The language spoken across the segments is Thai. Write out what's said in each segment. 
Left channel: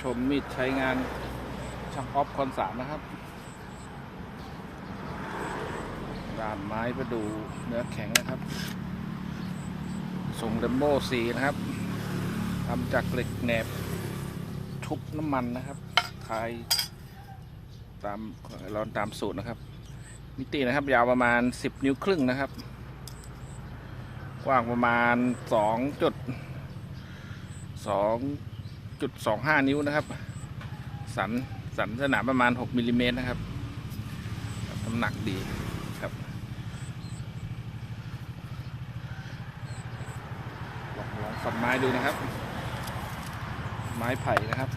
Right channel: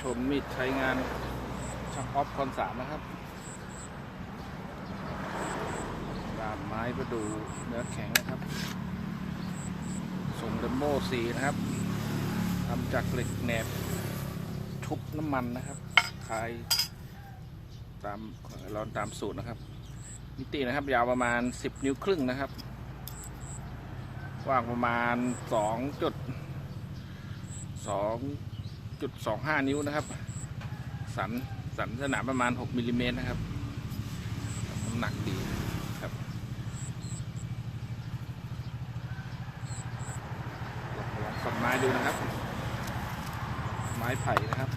ชมมีดใช้งานช่างออฟคอนสามนะครับด้ามไม้ก็ดูเนื้อแข็งนะครับทรงดัมโบสีนะครับทำจากเหล็กแหนบชุบน้ำมันนะครับทายตามเราตามสูตรนะครับ มิตินะครับ ยาวประมาณ 10 นิ้วครึ่งนะครับ กว้างประมาณ2จุด2 จุด25 นิ้วนะครับ สันสันสนามประมาณ 6มิลลิเมตรนะครับน้ำหนักดีครับลองสับไม้ดูนะครับ ไม้ไผ่นะครับ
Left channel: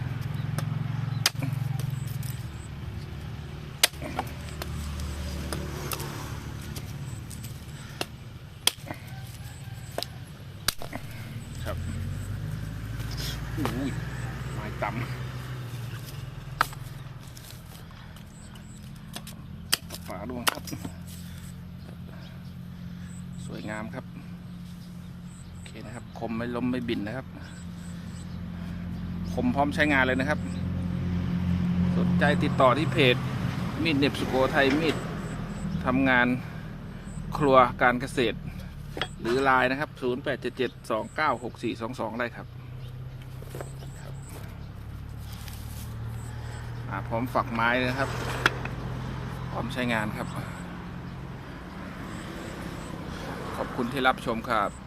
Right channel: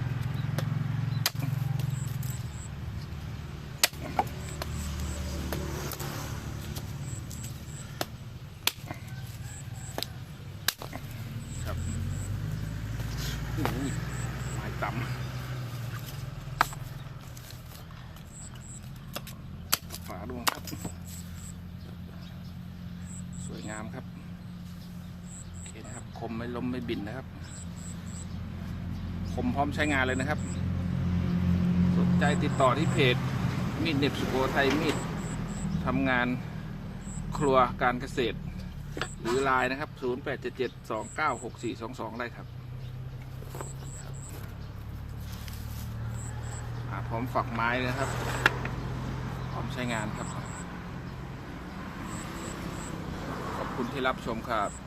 อุ้ยมาต่ำฝาดวงครับ สวยงามครับ โอเคนะครับ คมไม่ล้มไม่บินนะครับ คมพร้อมใช้งานเลยนะครับ สนใจติดต่อที่เพจ มีดเน็บสุโขทัยมีดทำงานครัวการเกษตร หรือไลน์นะครับ 0877296422 ได้ครับ อ่าพร้อมฝักไม้เลยนะครับ พร้อมใช้งานครับ ขอบคุณที่รับชมครับ